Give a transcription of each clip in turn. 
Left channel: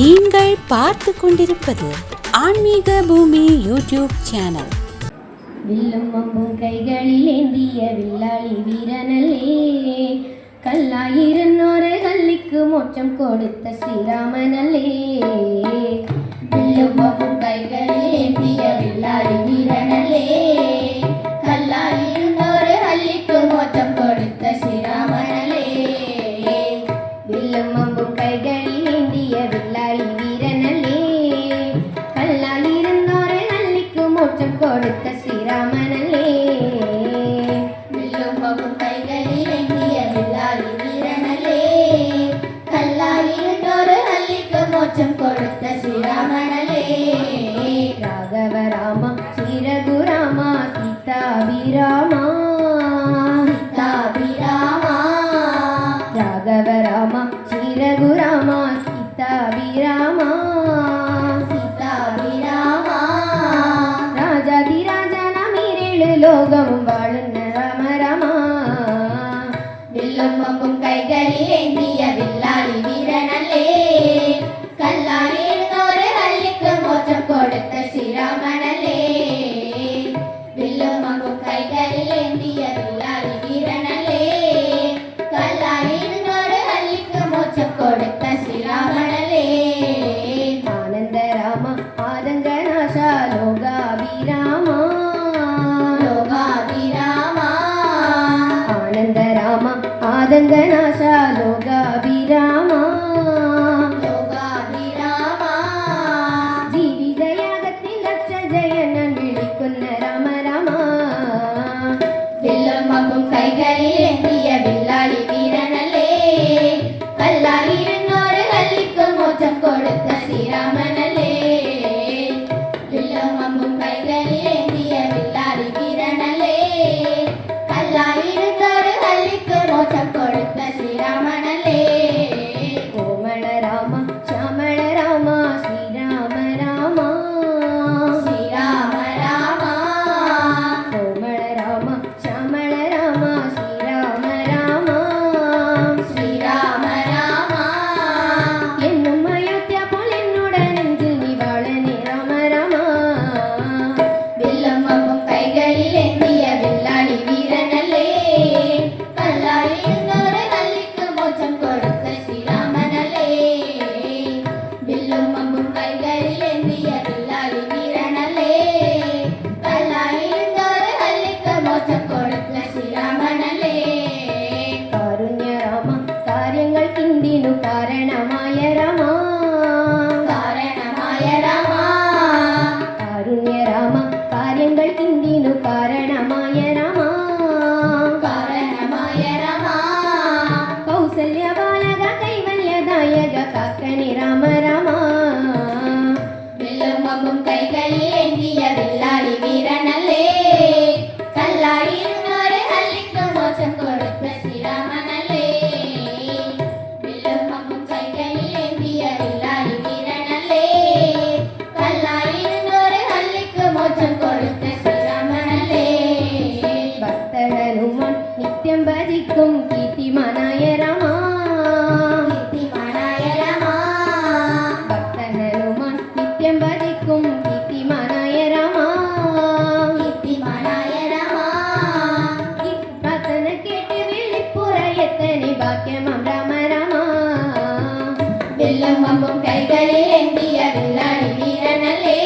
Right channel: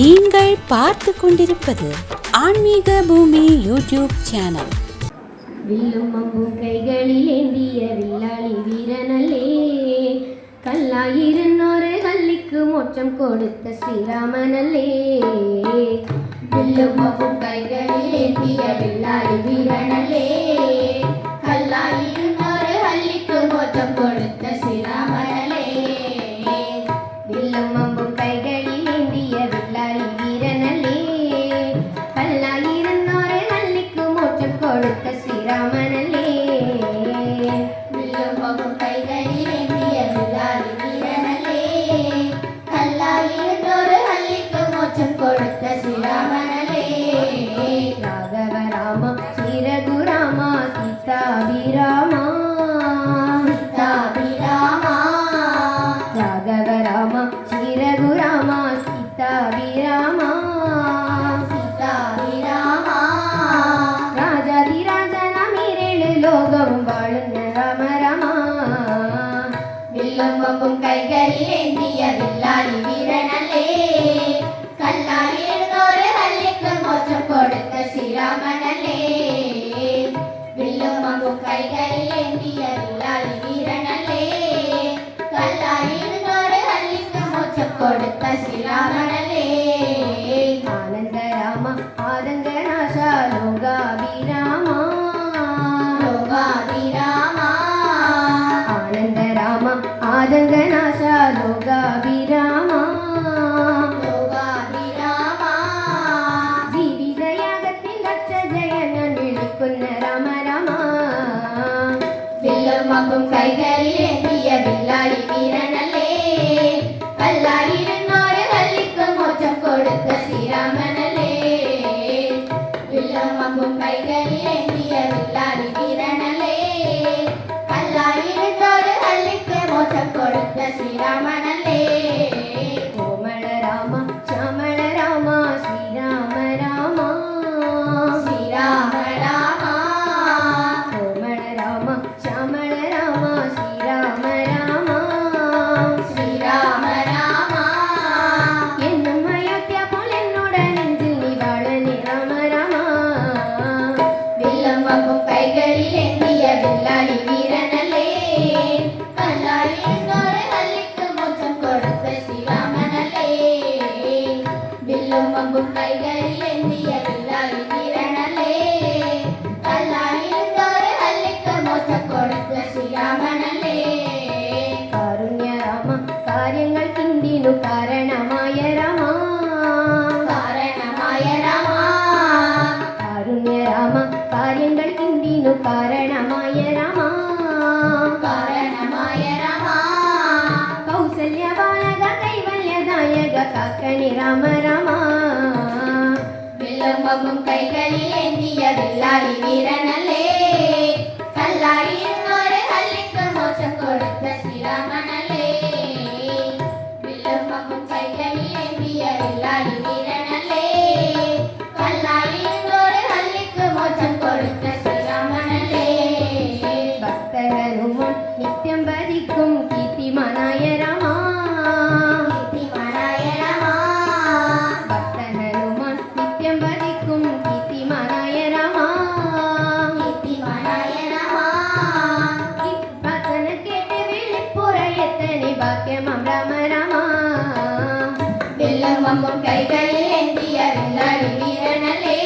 நீங்கள் பார்த்து கொண்டிருப்பது ஆன்மீக பூமி யூடியூப் சேனல். வில்லும் அம்பும் கைகளில் ஏந்திய வில்லாளி வீரனல்லே, கல்லாயிரன்னோரை கல்லிக்கு மோட்சம் கொடுத்த ஸ்ரீராமனல்லே. வில்லும் அம்பும் கைகளில் ஏந்திய வில்லாளி வீரனல்லே, கல்லாயிரன்னோரை கல்லிக்கு மோட்சம் கொடுத்த ஸ்ரீராமனல்லே. வில்லும் அம்பும் கைகளில் ஏந்திய வில்லாளி வீரனல்லே, கல்லாயிரன்னோரை கல்லிக்கு மோட்சம் கொடுத்த ஸ்ரீராமனல்லே. வில்லும் அம்பும் கைகளில் ஏந்திய வில்லாளி வீரனல்லே, கல்லாயிரன்னோரை கல்லிக்கு மோட்சம் கொடுத்த ஸ்ரீராமனல்லே. ராகவ ராமா ஸ்ரீ ரகுராமா சீதாபிராமா, சீதாபிராமா. ராகவ ராமா ஸ்ரீ ரகுராமா சீதாபிராமா, சீதாபிராமா. ராஜாதிராஜனாமீரேழு லோகமும் வாழுന്ന ராம ராமா. வில்லும் அம்பும் கைகளில் ஏந்திய வில்லாளி வீரனல்லே, கல்லாயிரன்னோரை கல்லிக்கு மோட்சம் கொடுத்த ஸ்ரீராமனல்லே. வில்லும் அம்பும் கைகளில் ஏந்திய வில்லாளி வீரனல்லே, கல்லாயிரன்னோரை கல்லிக்கு மோட்சம் கொடுத்த ஸ்ரீராமனல்லே. ஆனந்த ராமா ஆதங்கநாசா லோகாபிராமா, லோகாபிராமா. ஆனந்த ராமா ஆதங்கநாசா லோகாபிராமா, லோகாபிராமா. ജീവിതയാഗത്തിൽ രക്ഷജയനൻ വിളിക്കുന്ന രാമ രാമ. വില്ലും അമ്പും കൈകളിൽ ഏന്തിയ വില്ലാളി വീരനല്ലേ, കല്ലായിരന്നോരെ കല്ലിക്ക് മോക്ഷം കൊടുത്ത ശ്രീരാമനല്ലേ. വില്ലും അമ്പും കൈകളിൽ ഏന്തിയ വില്ലാളി വീരനല്ലേ, കല്ലായിരന്നോരെ കല്ലിക്ക് മോക്ഷം കൊടുത്ത ശ്രീരാമനല്ലേ. കോമള രാമ ശ്യാമള രാമ ശ്രീരാമ രാമ, ശ്രീരാമ രാമ. കോമള രാമ ശ്യാമള രാമ ശ്രീരാമ രാമ, ശ്രീരാമ രാമ. എന്നും അയോധ്യപ്പോൾ എന്നോട് നെഞ്ചിൽ നീ വാഴണേ രാമ രാമ. വില്ലും അമ്പും കൈകളിൽ ഏന്തിയ വില്ലാളി വീരനല്ലേ, കല്ലായിരന്നോരെ കല്ലിക്ക് മോക്ഷം കൊടുത്ത ശ്രീരാമനല്ലേ. വില്ലും അമ്പും കൈകളിൽ ഏന്തിയ വില്ലാളി വീരനല്ലേ, കല്ലായിരന്നോരെ കല്ലിക്ക് മോക്ഷം കൊടുത്ത ശ്രീരാമനല്ലേ. കാരുണ്യ രാമ കാര്യങ്ങൾക്കിന്തിനു കാരണമായ രാമ, കാരണമായ രാമ. കാരുണ്യ രാമ കാര്യങ്ങൾക്കിന്തിനു കാരണമായ രാമ, കാരണമായ രാമ. കൗസല്യ ബാലക കൈവല്യദായക കാക്കണി രാമ രാമ. വില്ലും അമ്പും കൈകളിൽ ഏന്തിയ വില്ലാളി വീരനല്ലേ, കല്ലായിരന്നോരെ കല്ലിക്ക് മോക്ഷം കൊടുത്ത ശ്രീരാമനല്ലേ. വില്ലും അമ്പും കൈകളിൽ ഏന്തിയ വില്ലാളി വീരനല്ലേ, കല്ലായിരന്നോരെ കല്ലിക്ക് മോക്ഷം കൊടുത്ത ശ്രീരാമനല്ലേ. ഭക്ത ഹനുമാൻ നിത്യം ഭജിക്കും കീർത്തിമാനായ രാമ, കീർത്തിമാനായ രാമ. ഭക്ത ഹനുമാൻ നിത്യം ഭജിക്കും കീർത്തിമാനായ രാമ, കീർത്തിമാനായ രാമ. പ്രാർത്ഥന കേട്ട് വെളിപ്പുറയെത്തനെ ഭാഗ്യമാം രാമ രാമ. വില്ലും അമ്പും കൈകളിൽ ഏന്തിയ വില്ലാളി വീരനല്ലേ,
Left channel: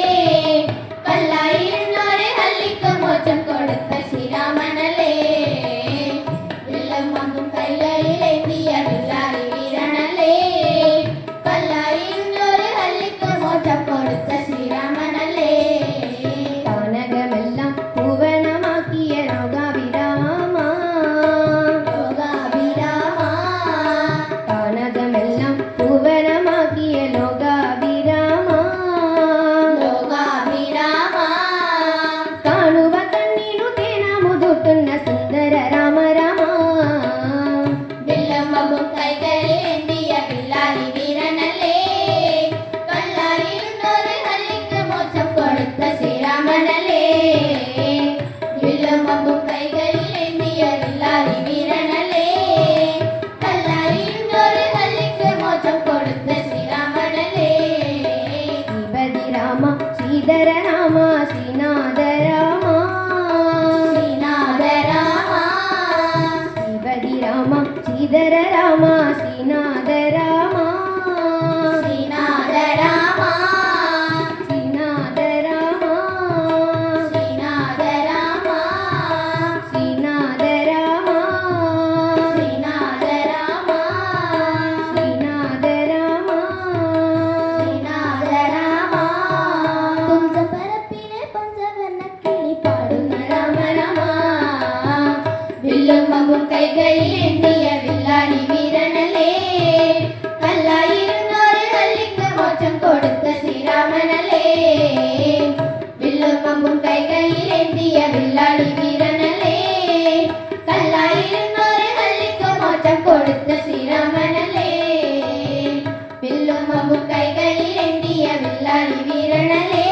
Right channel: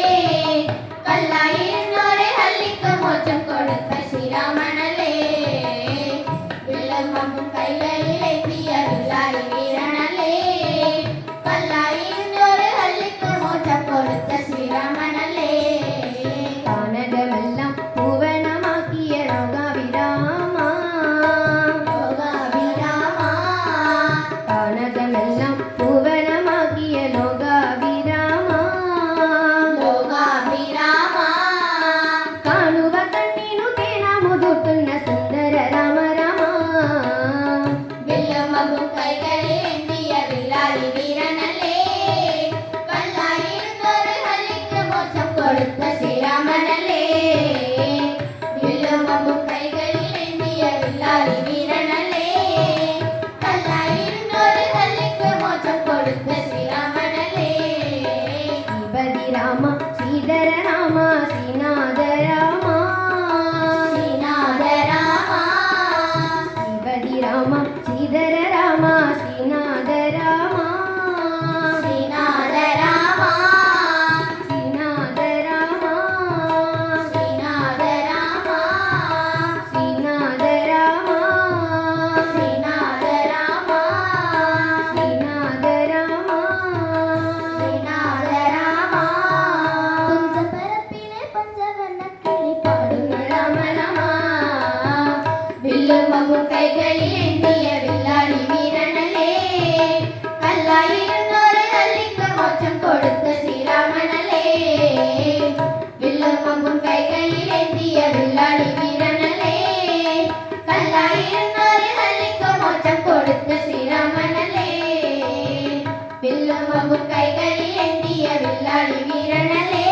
കല്ലായിരന്നോരെ കല്ലിക്ക് മോക്ഷം കൊടുത്ത ശ്രീരാമനല്ലേ. വില്ലും അമ്പും കൈകളിൽ ഏന്തിയ വില്ലാളി വീരനല്ലേ, കല്ലായിരന്നോരെ കല്ലിക്ക് മോക്ഷം കൊടുത്ത ശ്രീരാമനല്ലേ. കാനകമെല്ലാം പൂവനമാക്കിയ ലോകാഭിരാമ, ലോകാഭിരാമ. കാനകമെല്ലാം പൂവനമാക്കിയ ലോകാഭിരാമ, அம்பு கைகளில் ஏந்திய வில்லாளி வீரனல்லே